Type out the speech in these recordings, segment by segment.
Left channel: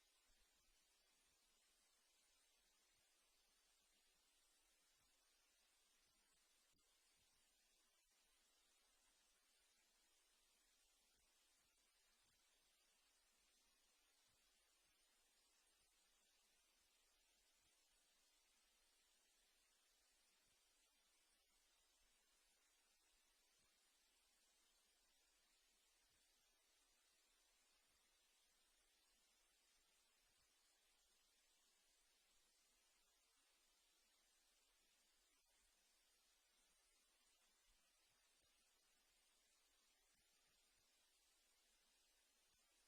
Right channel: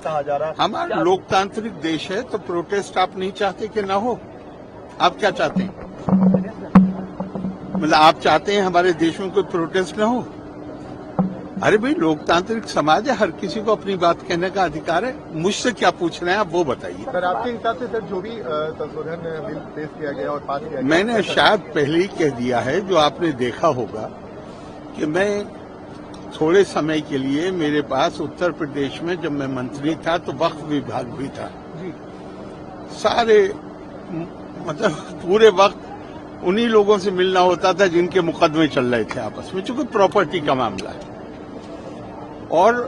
कहा जा रहा है। हमारा लोकतांत्रिक देश है तो प्रोटेस्ट आप नहीं चाहते कि ना हो? आप क्या चाहते हैं? मतलब आप चाहते हैं हमारे देश में कोई प्रोटेस्ट ना हो? अरे भाई, लोकतांत्रिक समाज है, हर किसी को अपनी बात कहने का अधिकार है। मुझसे क्या पूछ रहे हैं आप वो बताइए। सर, आपके हिसाब से सर जो भी संशोधन बिल पेश किया गया और पास किया गया, मैंने शायद पहले ही कह दिया है, जो आपने देखा होगा कि मैं थोड़े समय के लिए मेरे पास उत्तर प्रदेश में जब मैं मंत्री था तो वक्फ विभाग भी था जी। सारे मतलब पूरे वक्त उन्हीं लोगों से मिलना होता था जिनके मुकदमे चल रहे थे आपस में, चूंकि प्रॉपर्टी का मामला है और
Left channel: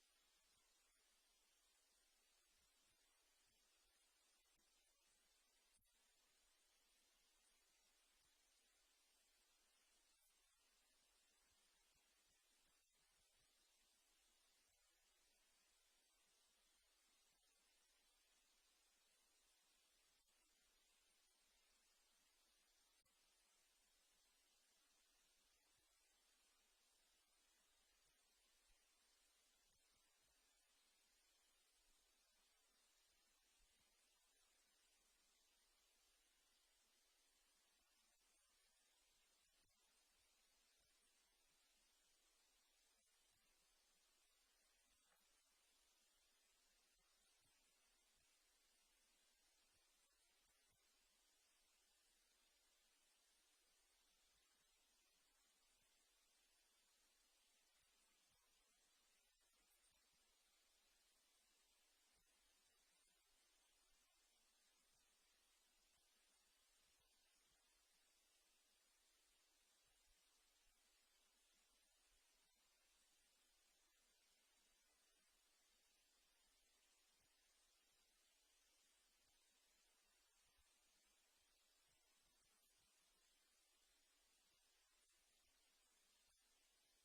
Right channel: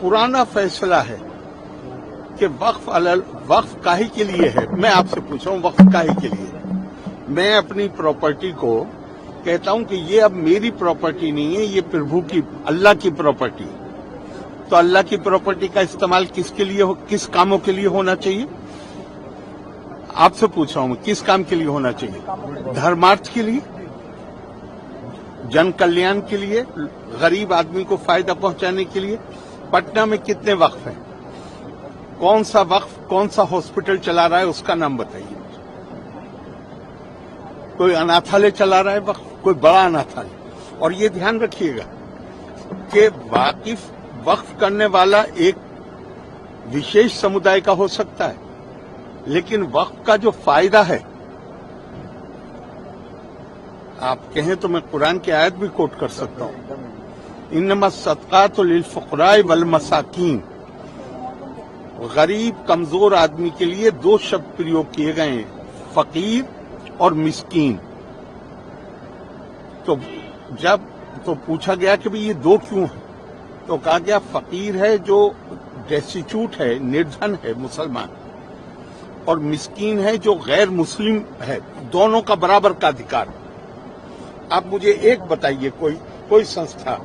पुराना फैसला है कि वक्फ काहे के लिए है। मैं आपसे पूछ रहा हूं वक्फ काहे के लिए? मैं अपनी प्रॉपर्टी को कहता हूं कि ये अब मेरी प्रॉपर्टी नहीं है, ये प्रभु की, अल्लाह की प्रॉपर्टी। तो अल्लाह की प्रॉपर्टी का इस्तेमाल किसके लिए किस कामों के लिए होना चाहिए? आपसे पूछ रहा हूं, किस काम के लिए होना चाहिए? धर्मार्थ के लिए, जन कल्याण के लिए, गरीब आदमी को फायदा पहुंचाने के लिए। पटना में कितने वक्फ हैं? कौन सा वक्फ कौन सा हॉस्पिटल चला रहा है उसका नाम बताइए। कोई अनाथालय चला रहा है वक्फ, कोई बड़ा अनाथालय। और ये ध्यान रखिएगा कि वक्फ करने वाला एक विशेष समुदाय का हो सकता है, लेकिन वक्फ का जो फायदा है, आप कहें तो मैं कुरान की आयत भी कोट कर सकता हूं, इन्नमा सदकातु लिल फुक़राए वल मसाकीन। गरीब कमजोर आदमी के लिए दो शब्द प्रयोग किए गए हैं, फकीर और मिस्कीन। तो जब पूछा गया कि भाई ये दो क्यों है, तो कहा गया फकीर है जो डेस्टिट्यूट है, निर्धन है, मुसलमान, और मिस्कीन है जो गैर मुस्लिम है। दोनों का बराबर का अधिकार। आप मुझे एक बताइए, कोई संस्था,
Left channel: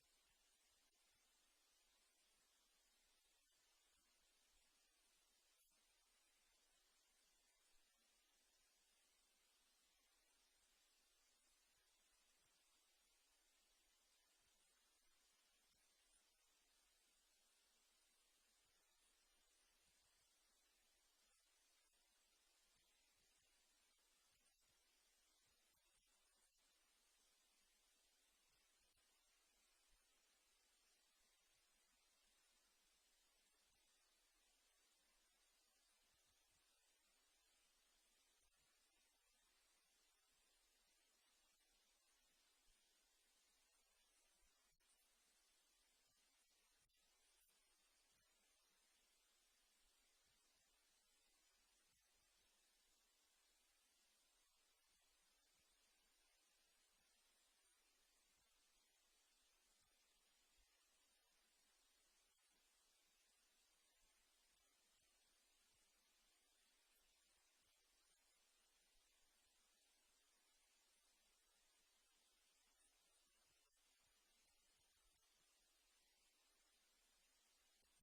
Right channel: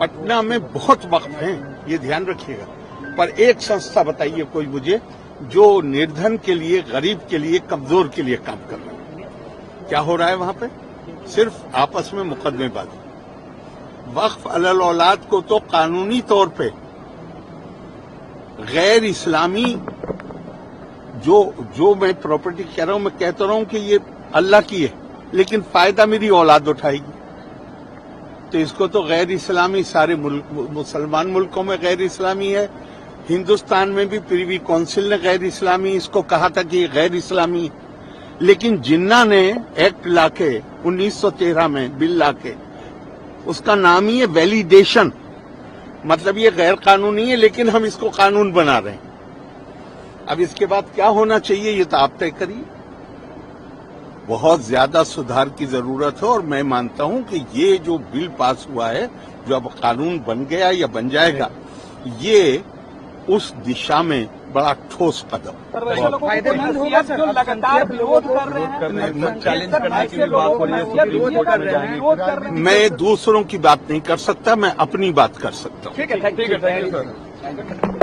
पटना में बहुत वक्फ हैं, ये ध्यान रखिएगा, पर एक संस्था बताइए कोई मुझे जो निर्धन के लिए, गरीब के लिए, कमजोर के लिए काम कर रहा है। क्या हो रहा है वहां पे? सिर्फ आपस में मुकदमेबाजी। वक्फ अलल औलाद को तो कानूनी तौर पे गैर इस्लामी जो मैं प्रॉपर्टी कह रहा हूं, मैं कहता रहा हूं कि ये अल्लाह की है, लेकिन फायदा मेरी औलाद उठाएगी, तो इसको तो गैर इस्लामी, सारे मुसलमान मुल्कों में गैर इस्लामी है। हिंदुस्तान में भी प्रिवी काउंसिल ने गैर इस्लामी इसको कहा था कि ये गैर इस्लामी है। लेकिन जिन्ना ने एक्ट लाके 1913 में बिल लाके, उसका नाम ही है वैलिडेशन, मतलब ये गैर कानूनी है लेकिन हम इसको कानून बना रहे हैं। अब इसके बाद क्या होना चाहिए ये तो आप तय करिए। बहुत ज्यादा सुधार की जरूरत है और मैं मानता हूं कि ये जो बिल पास हुआ है, जो अब कानून बन गया या बन जाएगा, ये उस दिशा में बड़ा ठोस कदम। फायदेमंद होगा सर, लगातार विरोध कर रहे हैं, चैलेंज करने की बात हो रही है, सुप्रीम कोर्ट में जाएंगे। मैं दूसरों की बात नहीं कर सकता, मैं अपनी बात कर सकता हूँ। ठीक है, थैंक यू सर।